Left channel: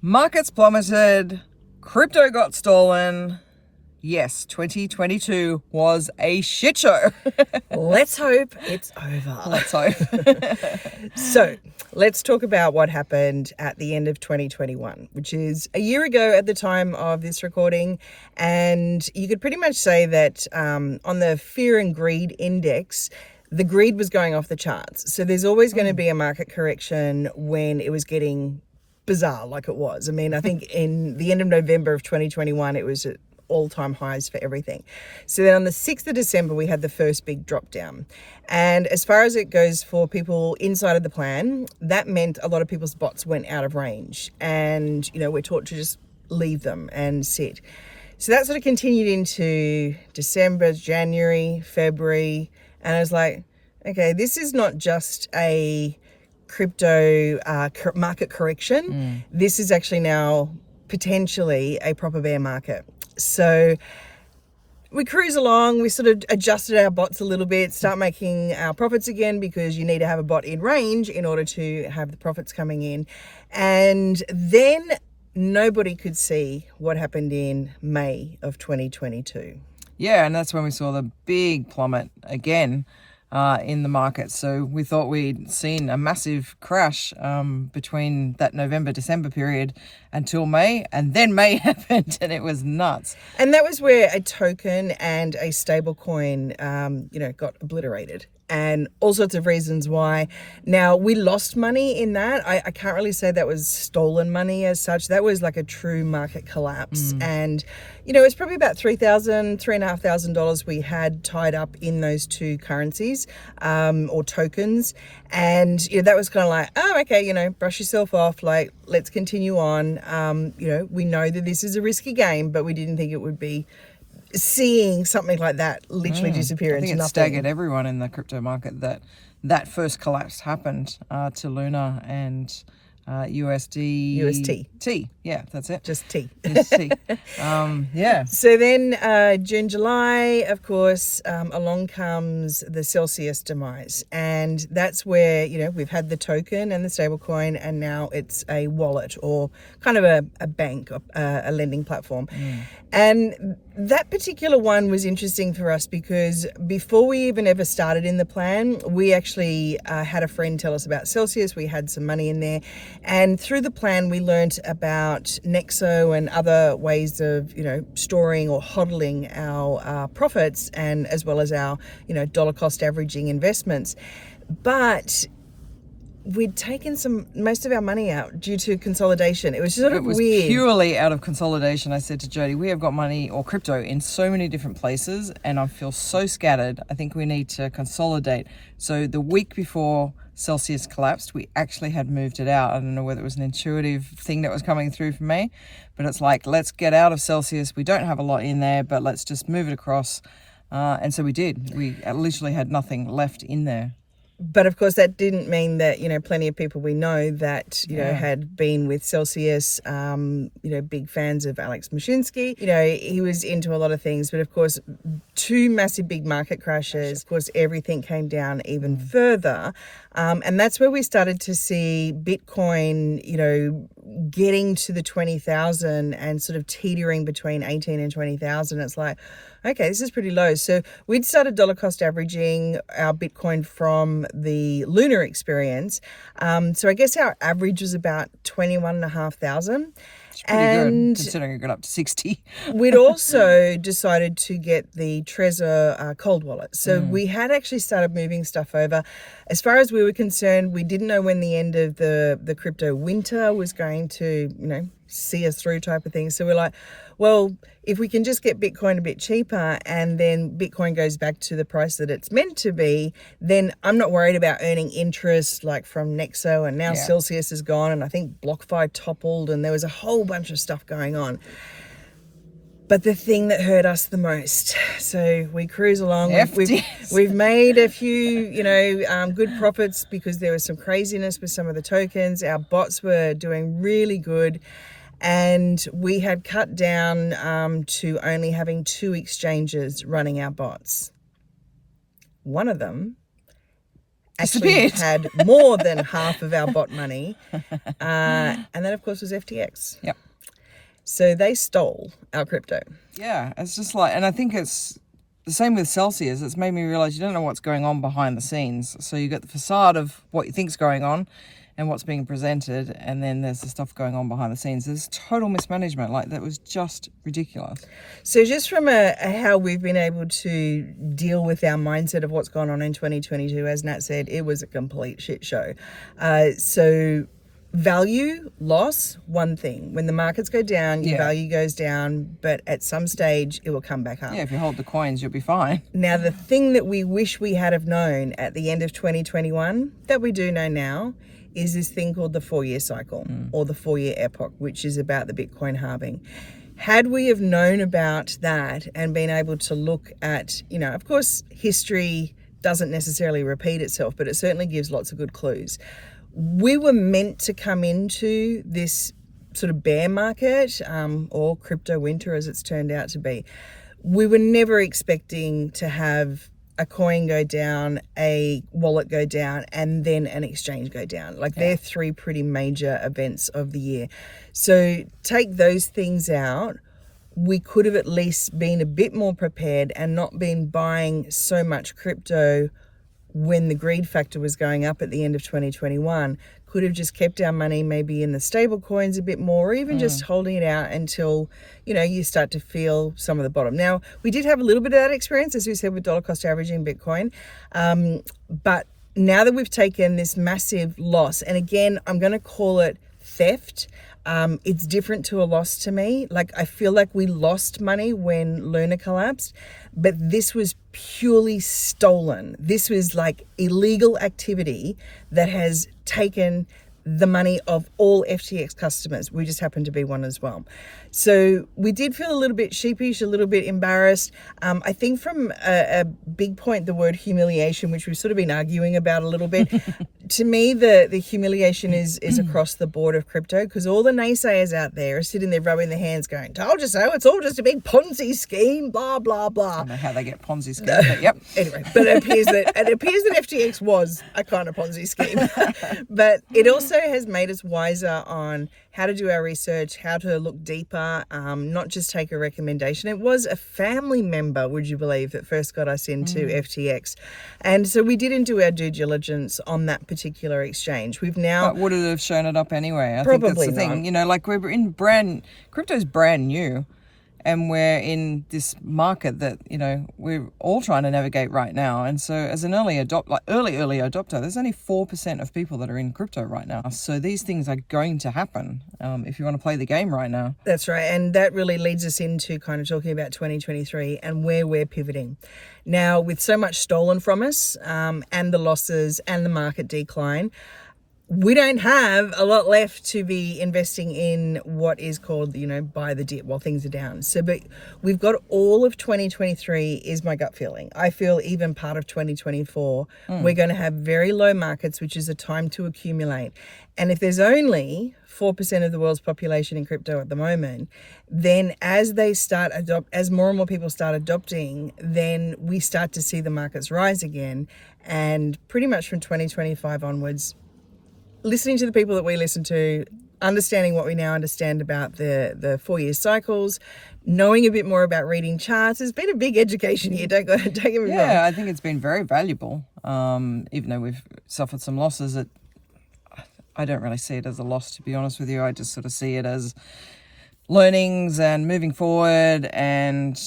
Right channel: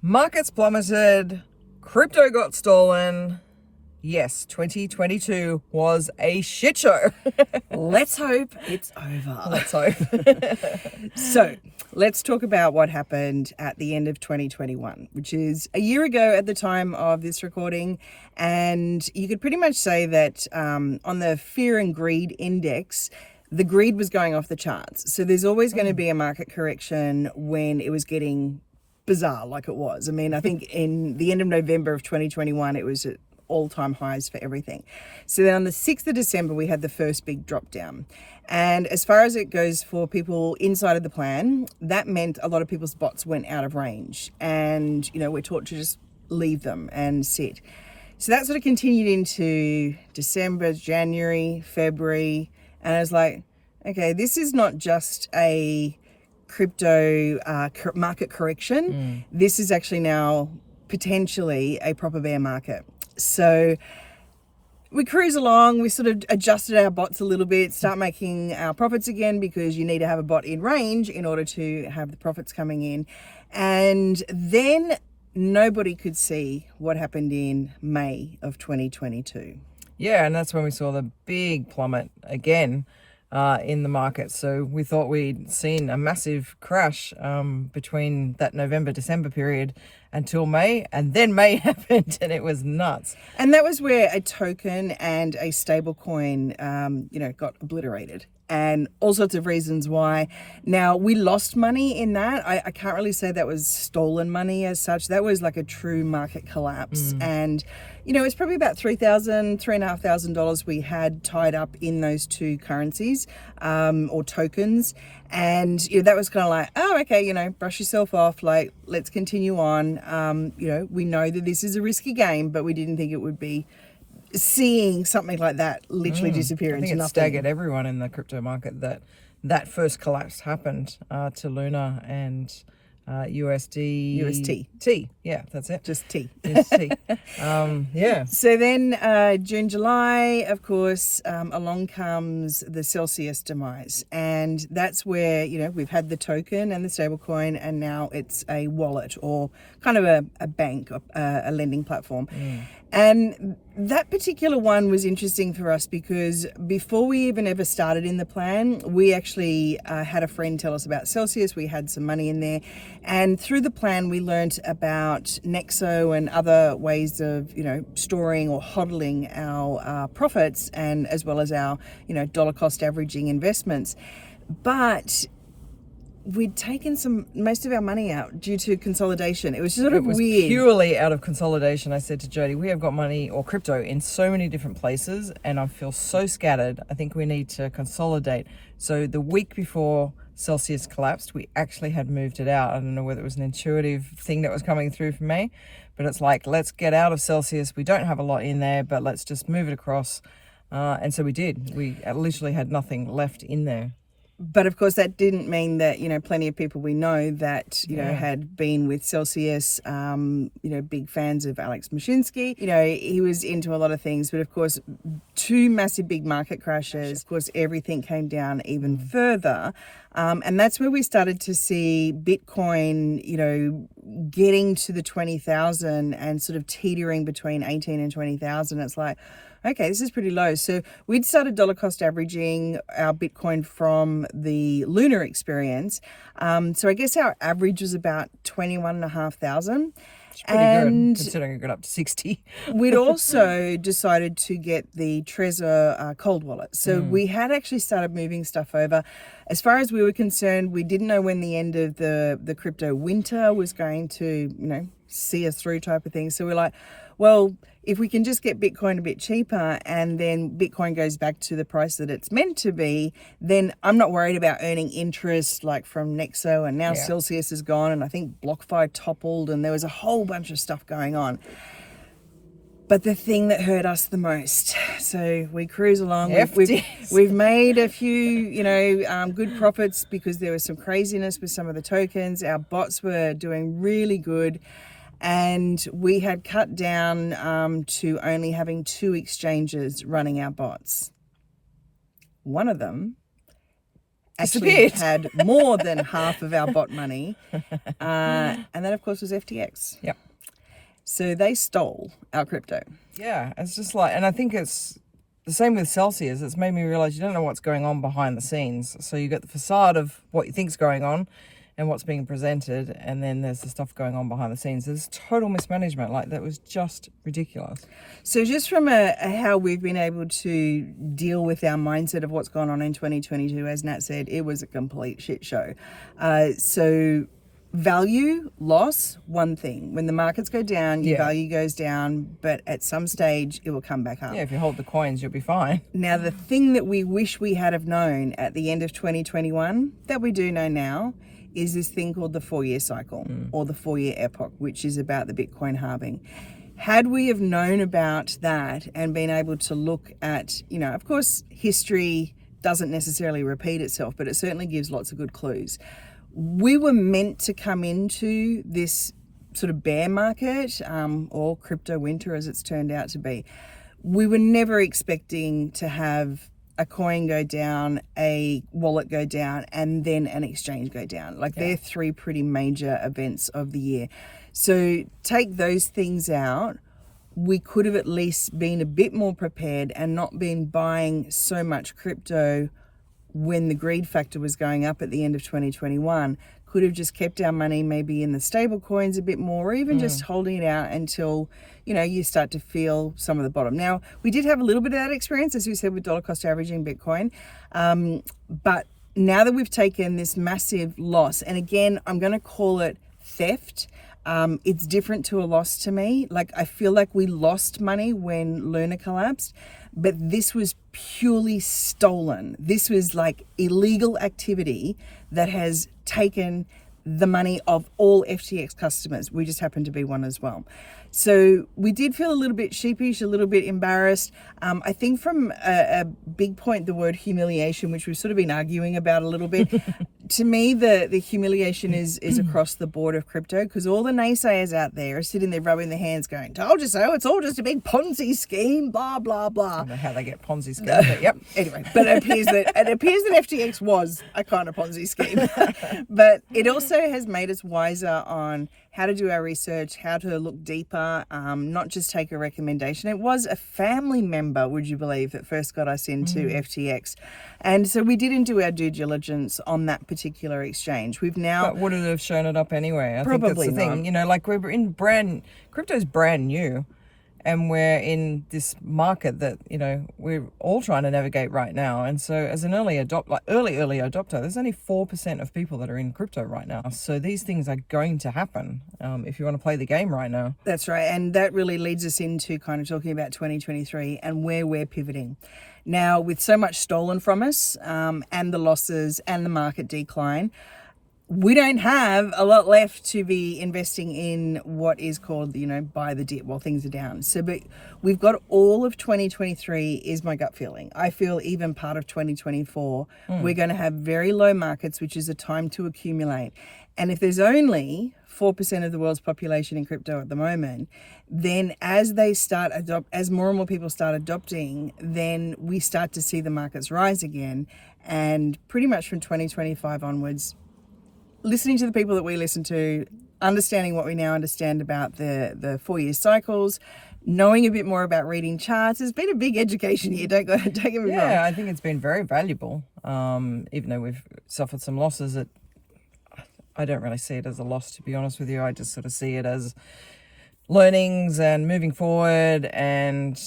Markets plummeted, crypto got stolen. Yes, 2022 was a shit show. Let's hope it's over. Let's hope. So let's talk about what happened at the end of 2021, which is a year ago at the time of this recording. And you could pretty much say that on the fear and greed index, the greed was going off the charts. So there's always going to be a market correction when it was getting bizarre like it was. I mean, I think in the end of November of 2021, it was at all-time highs for everything. So then on the 6th of December, we had the first big drop down. And as far as it goes for people inside of the plan, that meant a lot of people's bots went out of range. And, you know, we're taught to just leave them and sit. So that sort of continued into December, January, February. And I was like, okay, this is not just a crypto market correction. This is actually now potentially a proper bear market. So we cruise along, we sort of adjusted our bots a little bit, start making our profits again, because you need to have a bot in range in order to have the profits coming in. And then nobody could see what happened in May of 2022. Yeah, and that's when we saw the big plummet again in the market. So we thought we'd seen a massive crash between that November-December period until May, and then May happened and it was nuts. And that was where a token and a stable coin, got obliterated. And all sorts of reasons why. Now, we lost money in that. I can't really say that was stolen money as such. That was like a true market collapse. And, you know, it's probably about $3,500 we had tied up in those two currencies or tokens. And, you know, that was kind of like, oh, okay, you know, brush yourself off. Like, let's continue on. We know that this is a risky game, but we didn't think it would be seeing something like that literally disappear into nothing. It staggered everyone in the crypto market that first collapse happened to Luna and UST. T. Yeah, that's it. Just T. UST. Yeah. So then June, July, of course, along comes the Celsius demise. And that's where, you know, we've had the token and the stablecoin, and now it's a wallet or kind of a bank, a lending platform. And that particular one was interesting for us because before we even ever started in the plan, we actually had a friend tell us about Celsius. We had some money in there. And through the plan, we learnt about Nexo and other ways of, you know, storing or hodling our profits, and as well as our, you know, dollar cost averaging investments. But we'd taken most of our money out due to consolidation. It was sort of weird. Purely out of consolidation. I said to Jody, we have got money or crypto in so many different places and I feel so scattered. I think we need to consolidate. So the week before Celsius collapsed, we actually had moved it out. I don't know whether it was an intuitive thing that was coming through for me, but it's like, let's get out of Celsius. We don't have a lot in there, but let's just move it across. And so we did. We literally had nothing left in there. But of course, that didn't mean that, you know, plenty of people we know that, you know, had been with Celsius, big fans of Alex Mashinsky. You know, he was into a lot of things. But of course, two massive big market crashes. Of course, everything came down even further. And that's where we started to see Bitcoin, you know, getting to the 20,000 and sort of teetering between 18 and 20,000. It's like, okay, this is pretty low. So we'd started dollar cost averaging our Bitcoin from the lunar experience. So I guess our average was about 21,500. It's pretty good, considering it got up to 60. We'd also decided to get the Trezor cold wallet. So we had actually started moving stuff over. As far as we were concerned, we didn't know when the end of the crypto winter was going to, you know, see us through type of thing. So we're like, well, if we can just get Bitcoin a bit cheaper and then Bitcoin goes back to the price that it's meant to be, then I'm not worried about earning interest like from Nexo, and now Celsius is gone, and I think BlockFi toppled, and there was a whole bunch of stuff going on. But the thing that hurt us the most, so we cruise along, we've made a few, good profits because there was some craziness with some of the tokens. Our bots were doing really good. And we had cut down to only having 2 exchanges running our bots. One of them actually had more than half of our bot money. And that, of course, was FTX. Yep. So they stole our crypto. Yeah, it's just like, and I think it's the same with Celsius. It's made me realize you don't know what's going on behind the scenes. So you got the facade of what you think's going on and what's being presented, and then there's the stuff going on behind the scenes. There's total mismanagement. Like, that was just ridiculous. So just from how we've been able to deal with our mindset of what's gone on in 2022, as Nat said, it was a complete shit show. So value loss, one thing. When the markets go down, your value goes down, but at some stage it will come back up. Yeah, if you hold the coins, you'll be fine. Now, the thing that we wish we had have known at the end of 2021, that we do know now, is this thing called the 4-year cycle, or the 4-year epoch, which is about the Bitcoin halving. Had we have known about that and been able to look at, you know, of course, history doesn't necessarily repeat itself, but it certainly gives lots of good clues. We were meant to come into this sort of bear market, or crypto winter as it's turned out to be. We were never expecting to have a coin go down, a wallet go down, and then an exchange go down. Like, they're three pretty major events of the year. So take those things out, we could have at least been a bit more prepared and not been buying so much crypto when the greed factor was going up at the end of 2021. Could have just kept our money maybe in the stable coins a bit more, or even just holding it out until, you know, you start to feel some of the bottom. Now, we did have a little bit of that experience, as we said, with dollar cost averaging Bitcoin. But now that we've taken this massive loss, and again, I'm going to call it theft. It's different to a loss to me. Like, I feel like we lost money when Luna collapsed, but this was purely stolen. This was like illegal activity that has taken the money of all FTX customers. We just happen to be one as well. So we did feel a little bit sheepish, a little bit embarrassed. I think from a big point, the word humiliation, which we've sort of been arguing about a little bit, to me, the humiliation is across the board of crypto, because all the naysayers out there are sitting there rubbing their hands going, told you so, it's all just a big Ponzi scheme, blah, blah, blah. I don't know how they get Ponzi scheme, but yep. Anyway, but it appears that FTX was a kind of Ponzi scheme. But it also has made us wiser on how to do our research, how to look deeper, not just take a recommendation. It was a family member, would you believe, that first got us into FTX. And so we didn't do our due diligence on that particular exchange. We've now... But would it have shown it up anyway? I Probably think that's the not. thing. You know, like, we're in crypto's brand new. And we're in this market that, you know, we're all trying to navigate right now. And so as an early adopter, there's only 4% of people that are in crypto right now. So these things are going to happen if you want to play the game right now. That's right. And that really leads us into kind of talking about 2023 and where we're pivoting. Now, with so much stolen from us, and the losses and the market decline, we don't have a lot left to be investing in what is called, you know, buy the dip while things are down. So, but we've got all of 2023 is my gut feeling. I feel even part of 2024, we're going to have very low markets, which is a time to accumulate. And if there's only 4% of the world's population in crypto at the moment, then as more and more people start adopting, then we start to see the markets rise again. And pretty much from 2025 onwards, listening to the people that we listen to, understanding what we now understand about the 4-year cycles, knowing a bit more about reading charts. It's been a big education here, don't get me wrong. Yeah, I think it's been very valuable. Even though we've suffered some losses, I don't really see it as a loss, to be honest with you. I just sort of see it as learnings and moving forward and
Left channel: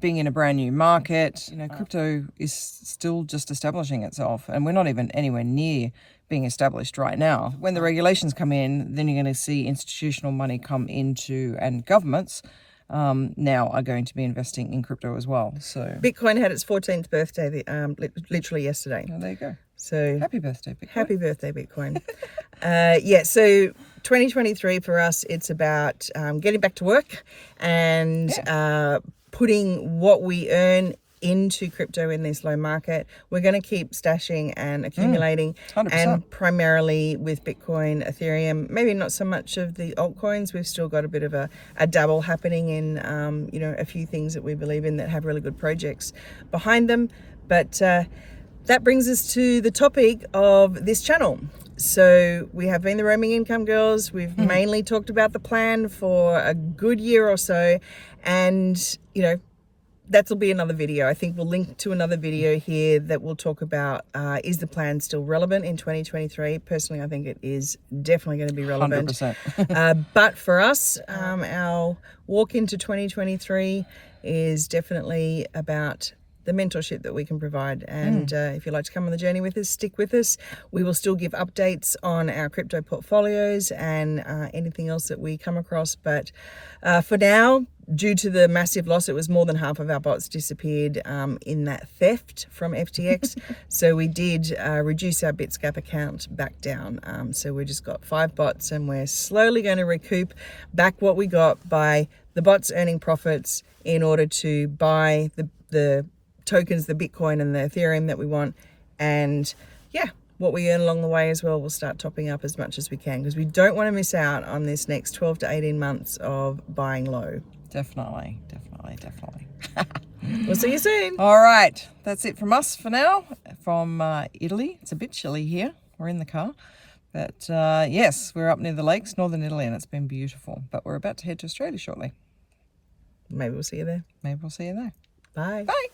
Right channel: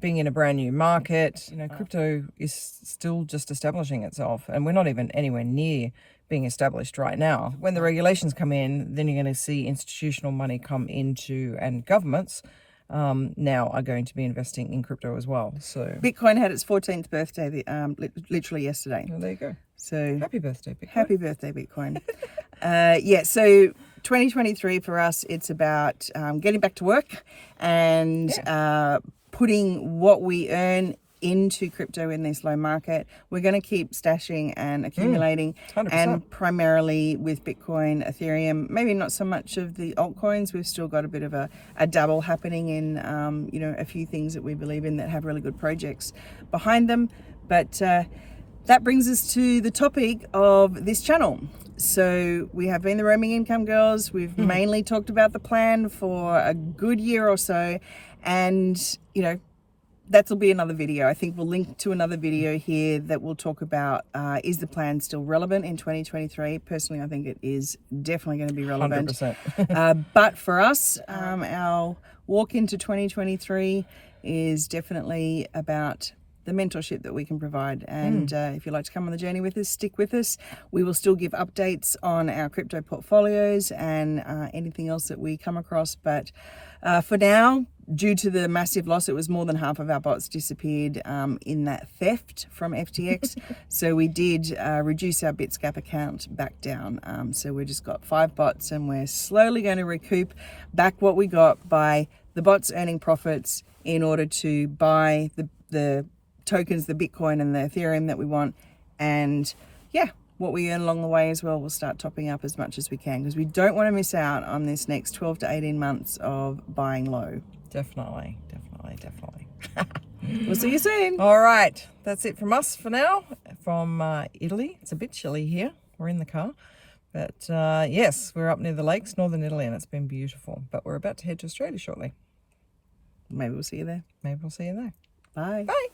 being in a brand new market. You know, crypto is still just establishing itself, and we're not even anywhere near being established right now. When the regulations come in, then you're going to see institutional money come into, and governments now are going to be investing in crypto as well. So Bitcoin had its 14th birthday literally yesterday. Well, there you go. So happy birthday, Bitcoin. Happy birthday, Bitcoin. So 2023 for us, it's about getting back to work and putting what we earn into crypto in this low market. We're going to keep stashing and accumulating, 100%. and primarily with Bitcoin, Ethereum, maybe not so much of the altcoins. We've still got a bit of a dabble happening in a few things that we believe in that have really good projects behind them. But that brings us to the topic of this channel. So we have been the Roaming Income Girls. We've mainly talked about the plan for a good year or so, and you know, that'll be another video. I think we'll link to another video here that will talk about is the plan still relevant in 2023. Personally, I think it is definitely going to be relevant. 100%. But for us, our walk into 2023 is definitely about the mentorship that we can provide. And if you'd like to come on the journey with us, stick with us. We will still give updates on our crypto portfolios and anything else that we come across. But for now, due to the massive loss, it was more than half of our bots disappeared in that theft from FTX. So we did reduce our Bitscap account back down. So we just got 5 bots, and we're slowly going to recoup back what we got by the bots earning profits in order to buy the tokens, the Bitcoin and the Ethereum that we want. And yeah, what we earn along the way as well, we'll start topping up as much as we can, because we don't want to miss out on this next 12 to 18 months of buying low. Definitely. We'll see you soon. All right, that's it from us for now, from Italy. It's a bit chilly here. We're in the car. But yes, we're up near the lakes, northern Italy, and it's been beautiful. But we're about to head to Australia shortly. Maybe we'll see you there. Maybe we'll see you there. Bye. Bye.